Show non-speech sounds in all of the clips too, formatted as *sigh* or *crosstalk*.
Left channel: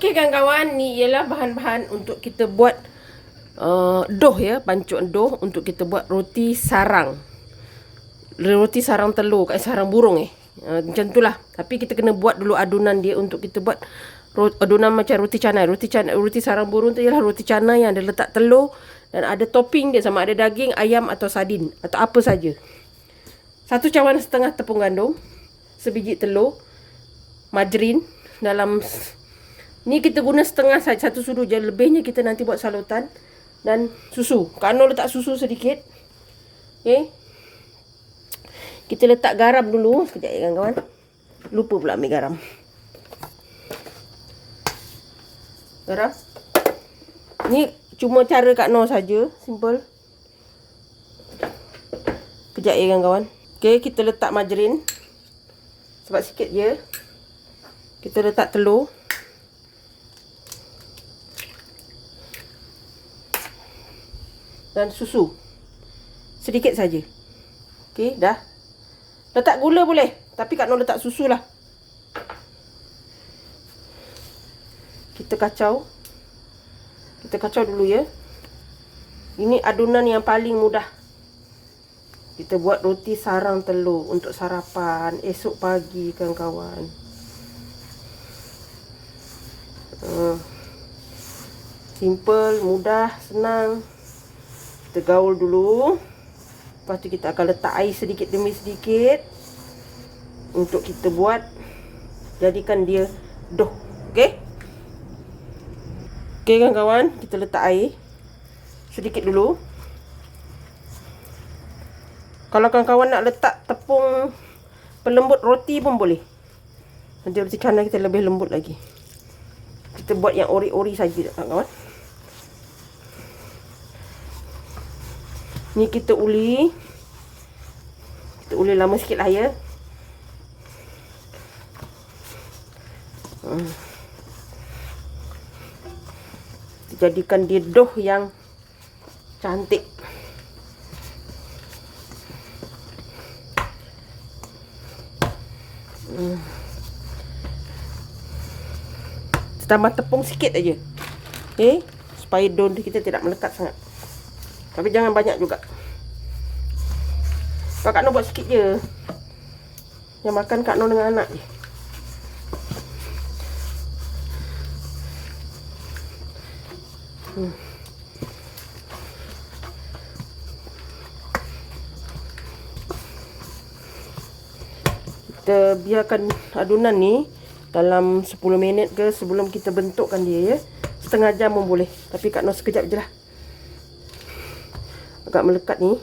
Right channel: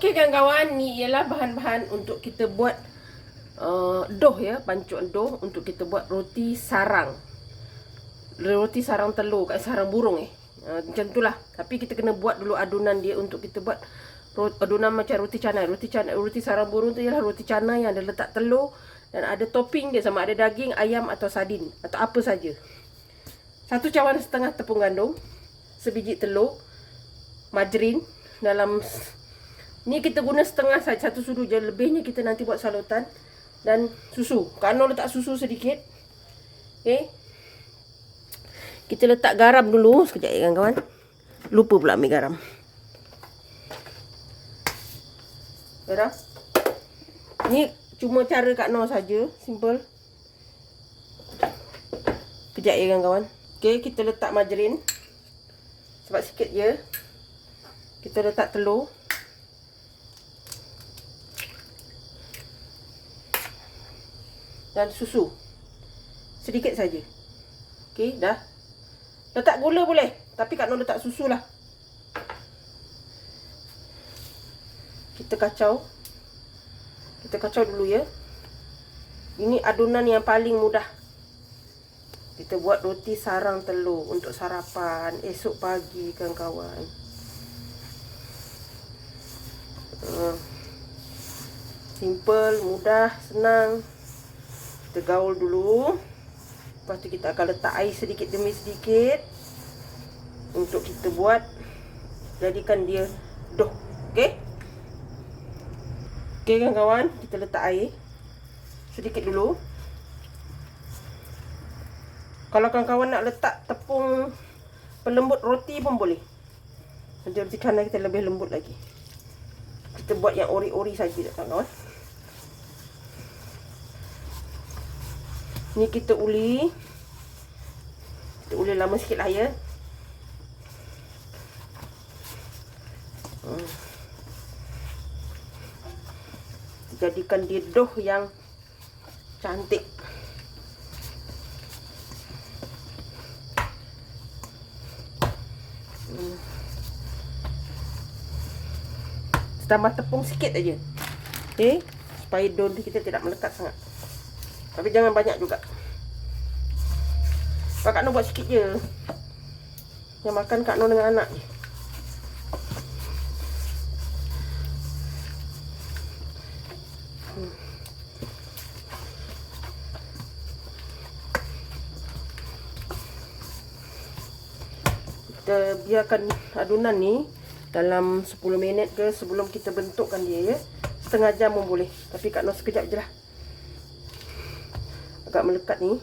Okey kawan-kawan, ni ialah bahan-bahan untuk kita buat uh, doh ya, pancuk doh untuk kita buat roti sarang. Roti sarang telur, kat sarang burung eh. Uh, macam itulah. Tapi kita kena buat dulu adunan dia untuk kita buat ro- adunan macam roti canai. Roti canai, roti sarang burung tu ialah roti canai yang ada letak telur dan ada topping dia sama ada daging, ayam atau sardin atau apa saja. Satu cawan setengah tepung gandum, sebiji telur, margarin dalam Ni kita guna setengah saja satu sudu je. Lebihnya kita nanti buat salutan dan susu. Kano letak susu sedikit. Okey. Kita letak garam dulu sekejap ya kawan-kawan. Lupa pula ambil garam. Garam. Ni cuma cara Kak Noh saja, simple. Kejap ya kawan-kawan. Okey, kita letak margarin. Sebab sikit je. Kita letak telur. Dan susu. Sedikit saja. Okey, dah. Letak gula boleh, tapi Kak Nur letak susu lah. Kita kacau. Kita kacau dulu ya. Ini adunan yang paling mudah. Kita buat roti sarang telur untuk sarapan esok pagi kawan-kawan. Uh, simple, mudah, senang. Kita gaul dulu. Lepas tu kita akan letak air sedikit demi sedikit. Untuk kita buat. Jadikan dia doh. Okey. Okey kawan-kawan. Kita letak air. Sedikit dulu. Kalau kawan-kawan nak letak tepung pelembut roti pun boleh. Nanti roti canai kita lebih lembut lagi. Kita buat yang ori-ori saja kawan-kawan. Ni kita uli. Kita uli lama sikit lah ya. Hmm. Jadikan dia doh yang cantik. Hmm. Tambah tepung sikit aja. Okay. Supaya doh kita tidak melekat sangat. Tapi jangan banyak juga. Kalau Kak Nur buat sikit je. Yang makan Kak Nur dengan anak je. Hmm. Kita biarkan adunan ni dalam 10 minit ke sebelum kita bentukkan dia ya. Setengah jam pun boleh. Tapi Kak Nur sekejap je lah agak melekat ni.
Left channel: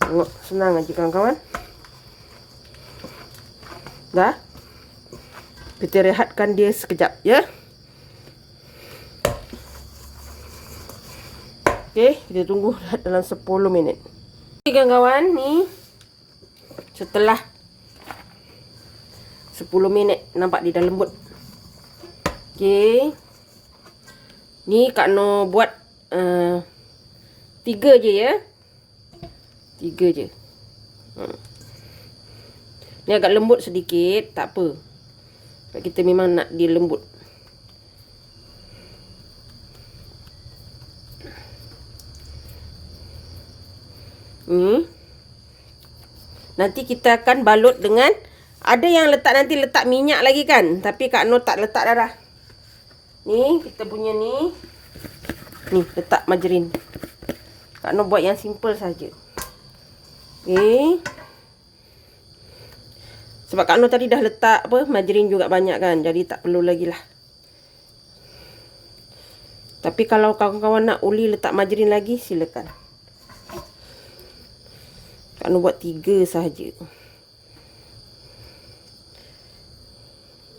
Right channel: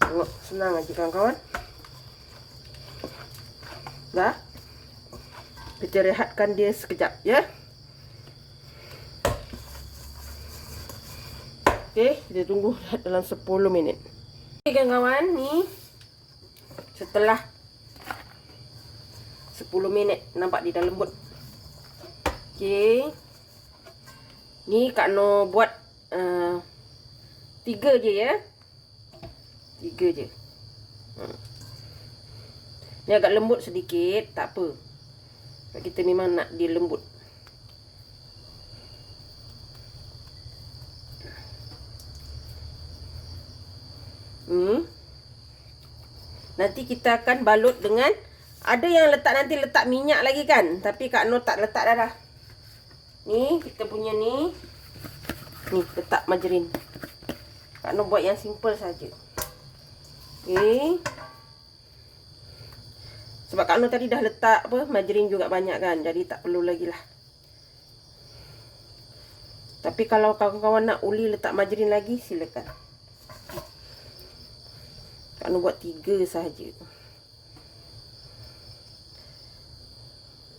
Tengok, senang aja kawan-kawan. Dah? Kita rehatkan dia sekejap ya? Okey, kita tunggu dalam 10 minit. Okey kawan-kawan ni setelah 10 minit nampak dia dah lembut Okey. Ni Kak No buat uh, tiga je ya. Tiga je. Hmm. Ni agak lembut sedikit, tak apa. Kita memang nak dia lembut. Hmm. Nanti kita akan balut dengan ada yang letak nanti letak minyak lagi kan. Tapi Kak No tak letak dah. Ni kita punya ni. Ni letak margarin. Kak Noh buat yang simple saja. Okey. Sebab Kak Noh tadi dah letak apa margarin juga banyak kan. Jadi tak perlu lagi lah. Tapi kalau kawan-kawan nak uli letak margarin lagi silakan. Kak Noh buat tiga saja.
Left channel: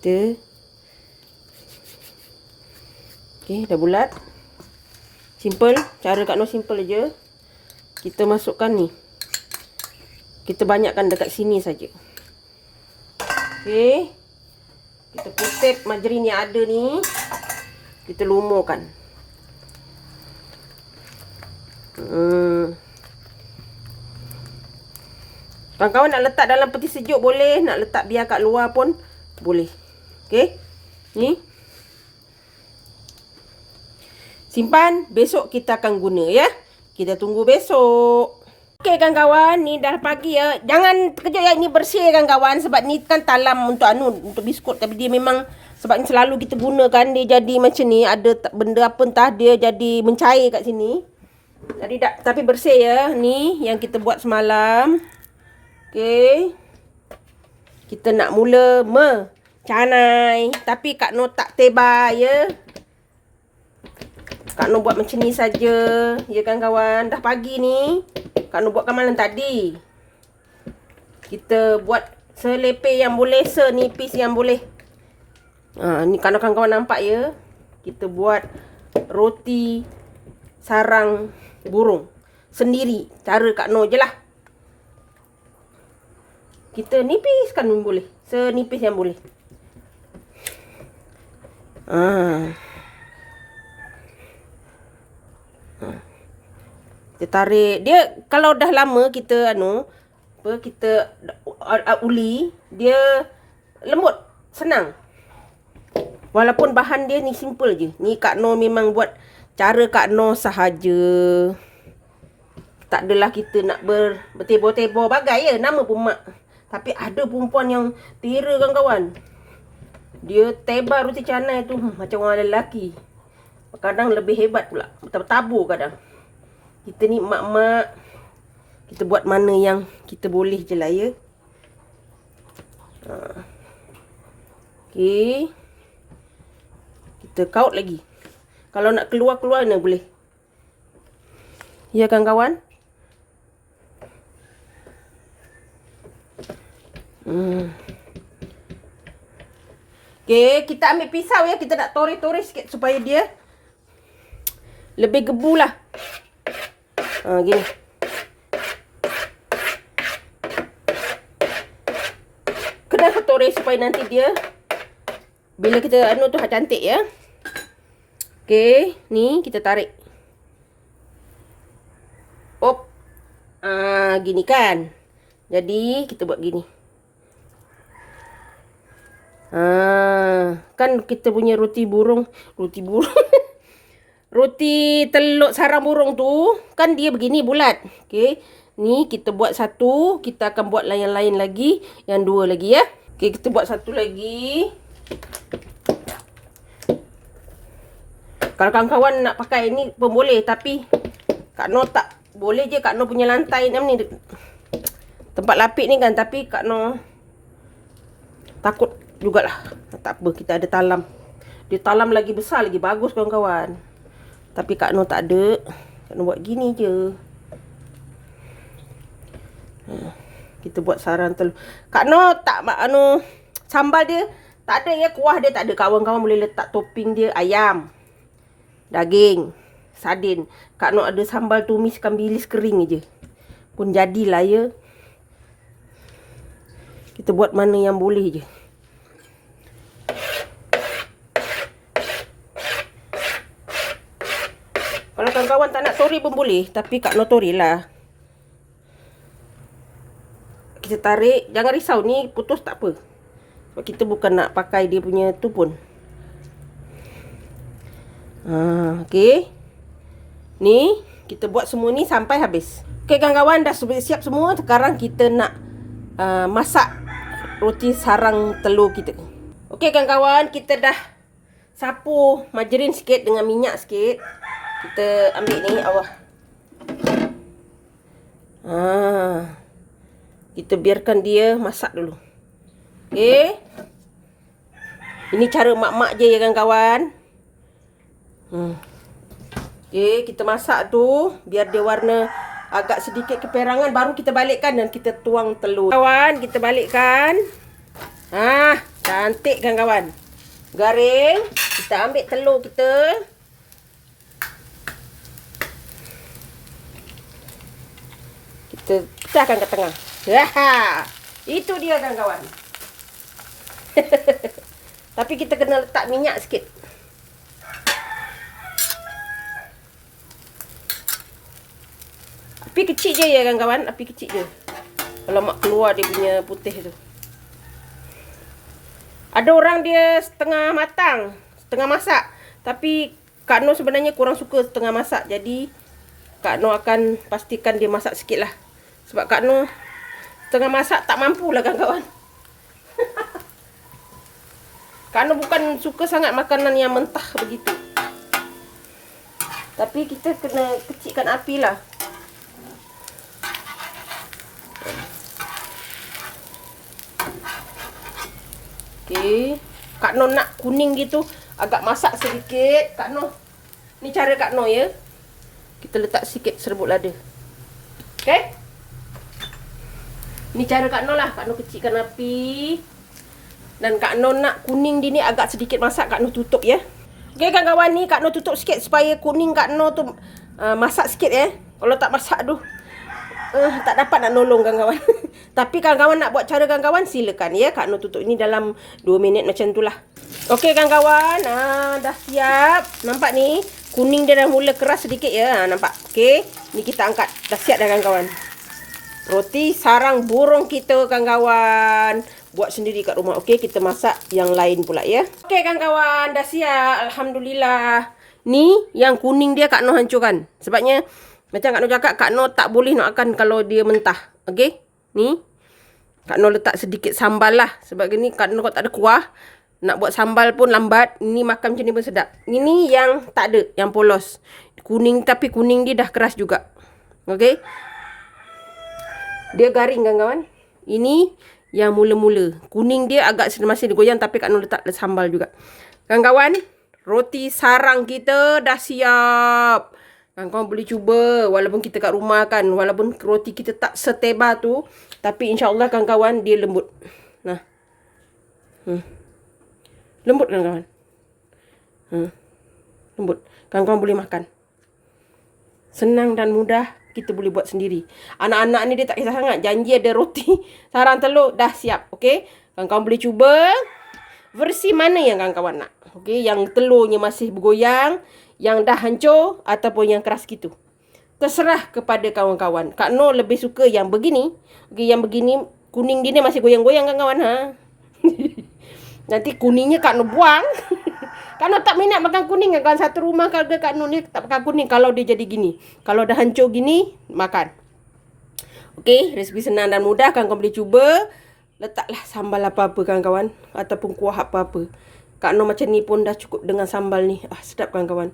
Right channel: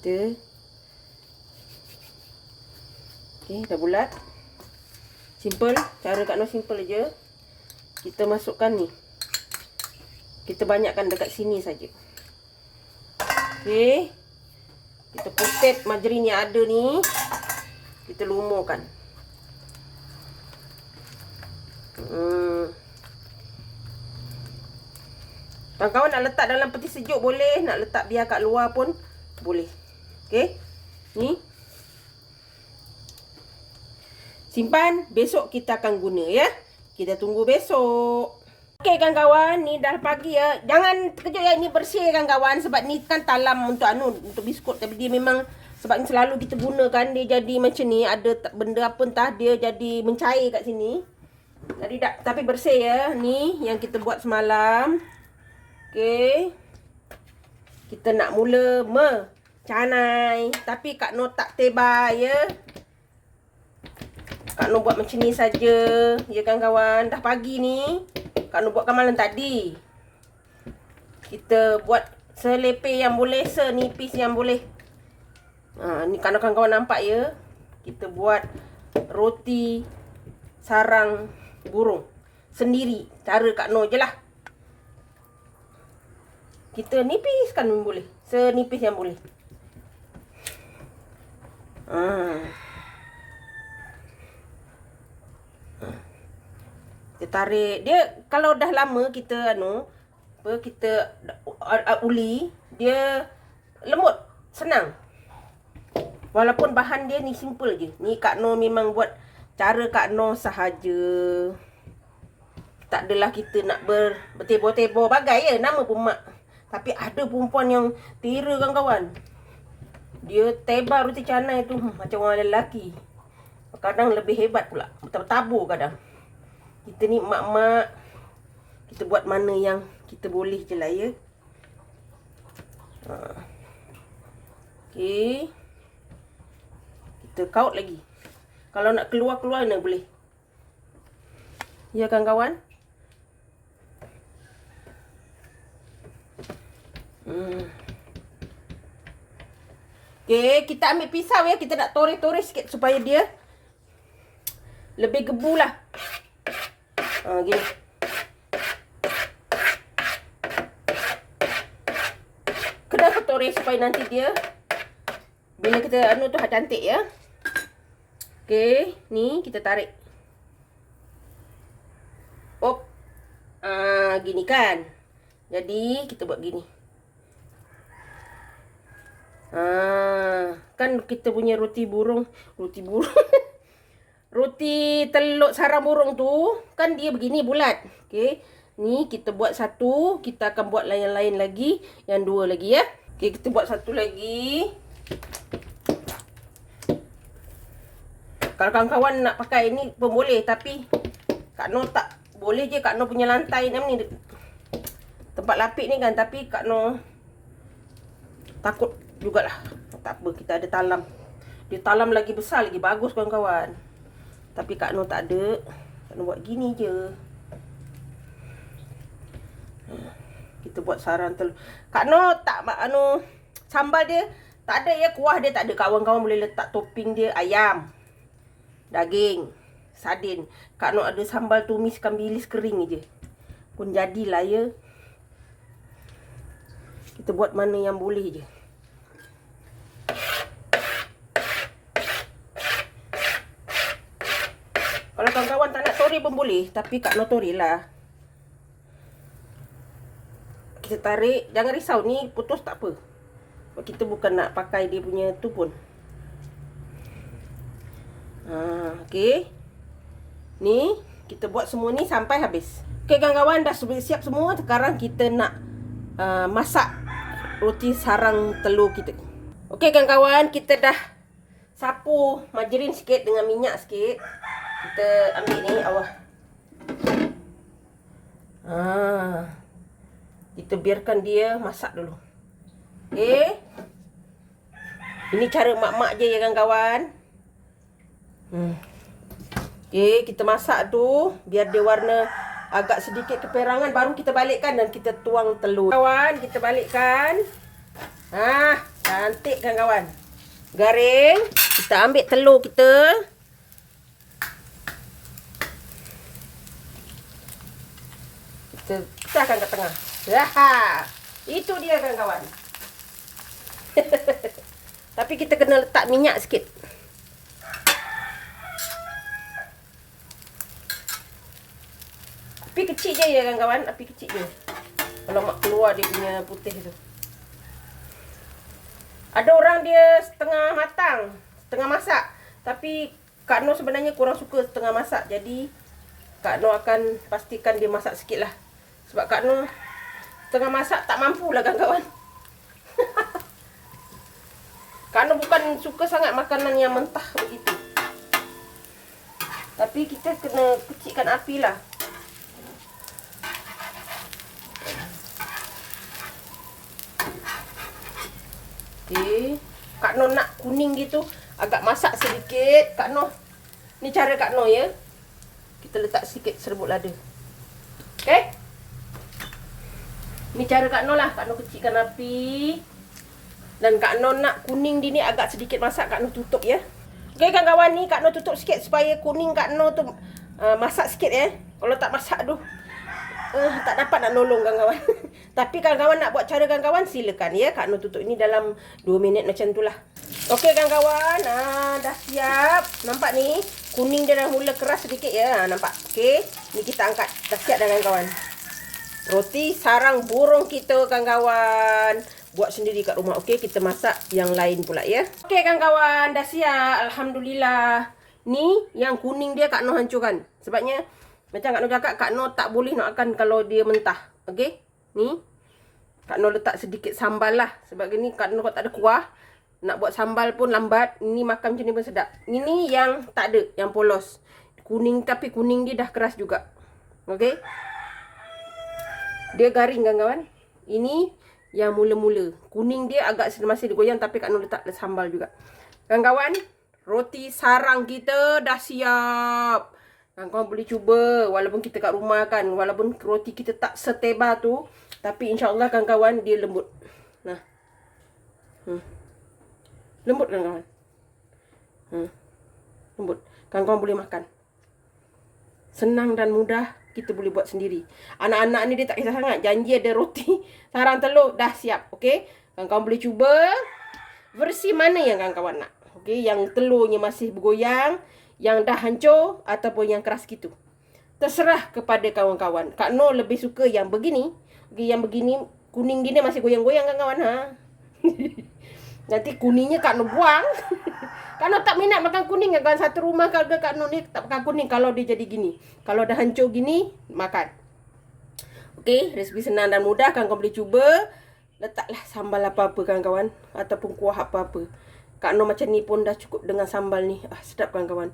Kita Okey, dah bulat. Simple. Cara Kak Noh simple aja. Kita masukkan ni. Kita banyakkan dekat sini saja. Okey. Kita putet margarin yang ada ni. Kita lumurkan. Hmm. Kawan-kawan nak letak dalam peti sejuk boleh, nak letak biar kat luar pun boleh. Okey. Ni. Simpan, besok kita akan guna ya. Kita tunggu besok. Okey kawan-kawan, ni dah pagi ya. Jangan terkejut ya, ni bersih kawan-kawan sebab ni kan talam untuk anu untuk biskut tapi dia memang sebab ni selalu kita gunakan dia jadi macam ni ada benda apa entah dia jadi mencair kat sini. Jadi tak tapi bersih ya. Ni yang kita buat semalam. Okey. Kita nak mula mecanai. Tapi Kak Noh tak tebal ya. Kak Noh buat macam ni saja. Ya kan kawan? Dah pagi ni. Kak Noh buatkan malam tadi. Kita buat selepeh yang boleh, senipis yang boleh. Ha, ni kawan-kawan nampak ya. Kita buat roti sarang burung. Sendiri. Cara Kak Noh je lah kita nipiskan boleh. Senipis yang boleh. Ha. Kita tarik. Dia kalau dah lama kita anu apa kita uh, uli, dia lembut, senang. Walaupun bahan dia ni simple je. Ni Kak No memang buat cara Kak No sahaja. Tak adalah kita nak ber bertebor-tebor bagai ya nama pun mak. Tapi ada perempuan yang tira kawan-kawan. Dia tebar roti canai tu hmm, macam orang lelaki. Kadang lebih hebat pula. Bertabur kadang. Kita ni mak-mak. Kita buat mana yang kita boleh je lah ya. Ha. Okay. Kita kaut lagi. Kalau nak keluar-keluar ni boleh. Ya kan kawan? Hmm. Okay, kita ambil pisau ya. Kita nak tore-tore sikit supaya dia lebih gebu lah. Ha, gini. Kena tore supaya nanti dia bila kita anu tu cantik ya. Okay, ni kita tarik. Op. Ah, gini kan. Jadi, kita buat gini. Ha, kan kita punya roti burung, roti burung. *laughs* roti telur sarang burung tu kan dia begini bulat. Okey. Ni kita buat satu, kita akan buat lain-lain lagi, yang dua lagi ya. Okey, kita buat satu lagi. Kalau kawan-kawan nak pakai ini pun boleh tapi Kak No tak boleh je Kak No punya lantai ni tempat lapik ni kan tapi Kak No takut jugalah. Tak apa, kita ada talam. Dia talam lagi besar, lagi bagus kawan-kawan. Tapi Kak Noh tak ada. Kak Noh buat gini je. Ha, kita buat sarang telur. Kak Noh tak anu sambal dia tak ada ya kuah dia tak ada. Kawan-kawan boleh letak topping dia ayam. Daging. Sardin. Kak Noh ada sambal tumis ikan bilis kering je. Pun jadilah ya. Kita buat mana yang boleh je. Kalau kawan-kawan tak nak tori pun boleh. Tapi Kak No tori lah. Kita tarik. Jangan risau. Ni putus tak apa. Sebab kita bukan nak pakai dia punya tu pun. Ha, okay. Ni. Kita buat semua ni sampai habis. Okay kawan-kawan. Dah siap semua. Sekarang kita nak uh, masak roti sarang telur kita. Okay kawan-kawan. Kita dah sapu margarin sikit dengan minyak sikit. Kita ambil ni awak. Ha. Kita biarkan dia masak dulu. Okey. Ini cara mak-mak je ya kawan-kawan. Hmm. Okey, kita masak tu biar dia warna agak sedikit keperangan baru kita balikkan dan kita tuang telur. Kawan, kita balikkan. Ah, cantik kan kawan. Garing. Kita ambil telur kita. Pecahkan ke tengah. Ha. Itu dia kawan-kawan. *laughs* Tapi kita kena letak minyak sikit. Api kecil je ya kawan-kawan, api kecil je. Kalau mak keluar dia punya putih tu. Ada orang dia setengah matang, setengah masak. Tapi Kak Noh sebenarnya kurang suka setengah masak. Jadi Kak Noh akan pastikan dia masak sikit lah. Sebab Kak Noh setengah masak tak mampu lah kawan-kawan. *laughs* Kak Noh bukan suka sangat makanan yang mentah begitu. Tapi kita kena kecilkan api lah. Okey. Kak Noh nak kuning gitu. Agak masak sedikit. Kak Noh. Ni cara Kak Noh ya. Kita letak sikit serbuk lada. Okey. Ni cara Kak Noh lah. Kak Noh kecilkan api. Dan Kak Noh nak kuning dia ni agak sedikit masak. Kak Noh tutup ya. Okey kawan-kawan ni Kak Noh tutup sikit supaya kuning Kak Noh tu uh, masak sikit ya. Kalau tak masak aduh. Uh, tak dapat nak nolong kawan-kawan. *laughs* Tapi kawan-kawan nak buat cara kawan-kawan silakan ya. Kak Nur tutup ini dalam 2 minit macam itulah. Okey kawan-kawan, ah dah siap. Nampak ni kuning dia dah mula keras sedikit ya. Nampak. Okey, ni kita angkat. Dah siap dah kawan-kawan. Roti sarang burung kita kawan-kawan. Buat sendiri kat rumah. Okey, kita masak yang lain pula ya. Okey kawan-kawan, dah siap. Alhamdulillah. Ni yang kuning dia Kak Noh hancurkan. Sebabnya macam Kak Noh cakap, Kak Noh tak boleh nak makan kalau dia mentah. Okey? Ni. Kak Noh letak sedikit sambal lah. Sebab ni Kak Noh tak ada kuah. Nak buat sambal pun lambat. Ni makan macam ni pun sedap. Ini yang tak ada. Yang polos. Kuning tapi kuning dia dah keras juga. Okey? Dia garing kan kawan. Ini yang mula-mula. Kuning dia agak masih digoyang tapi Kak Noh letak sambal juga. Kawan-kawan. Roti sarang kita dah siap. Kawan-kawan boleh cuba walaupun kita kat rumah kan. Walaupun roti kita tak seteba tu. Tapi insyaAllah kawan-kawan dia lembut. Nah. Hmm. Lembut kan kawan? Hmm. Lembut. Kawan-kawan boleh makan. Senang dan mudah kita boleh buat sendiri. Anak-anak ni dia tak kisah sangat. Janji ada roti. *laughs* Sarang telur dah siap. Okay. Kawan-kawan boleh cuba. Versi mana yang kawan-kawan nak? Okay. Yang telurnya masih bergoyang yang dah hancur ataupun yang keras gitu. Terserah kepada kawan-kawan. Kak No lebih suka yang begini. Okay, yang begini kuning dia masih goyang-goyang kan kawan ha. *laughs* Nanti kuningnya Kak No buang. *laughs* No tak minat makan kuning kan satu rumah kalau Kak No ni tak makan kuning kalau dia jadi gini. Kalau dah hancur gini makan. Okey, resipi senang dan mudah kan kau boleh cuba. Letaklah sambal apa-apa kawan-kawan ataupun kuah apa-apa. Kak Noh macam ni pun dah cukup dengan sambal ni. Ah, sedap kawan-kawan.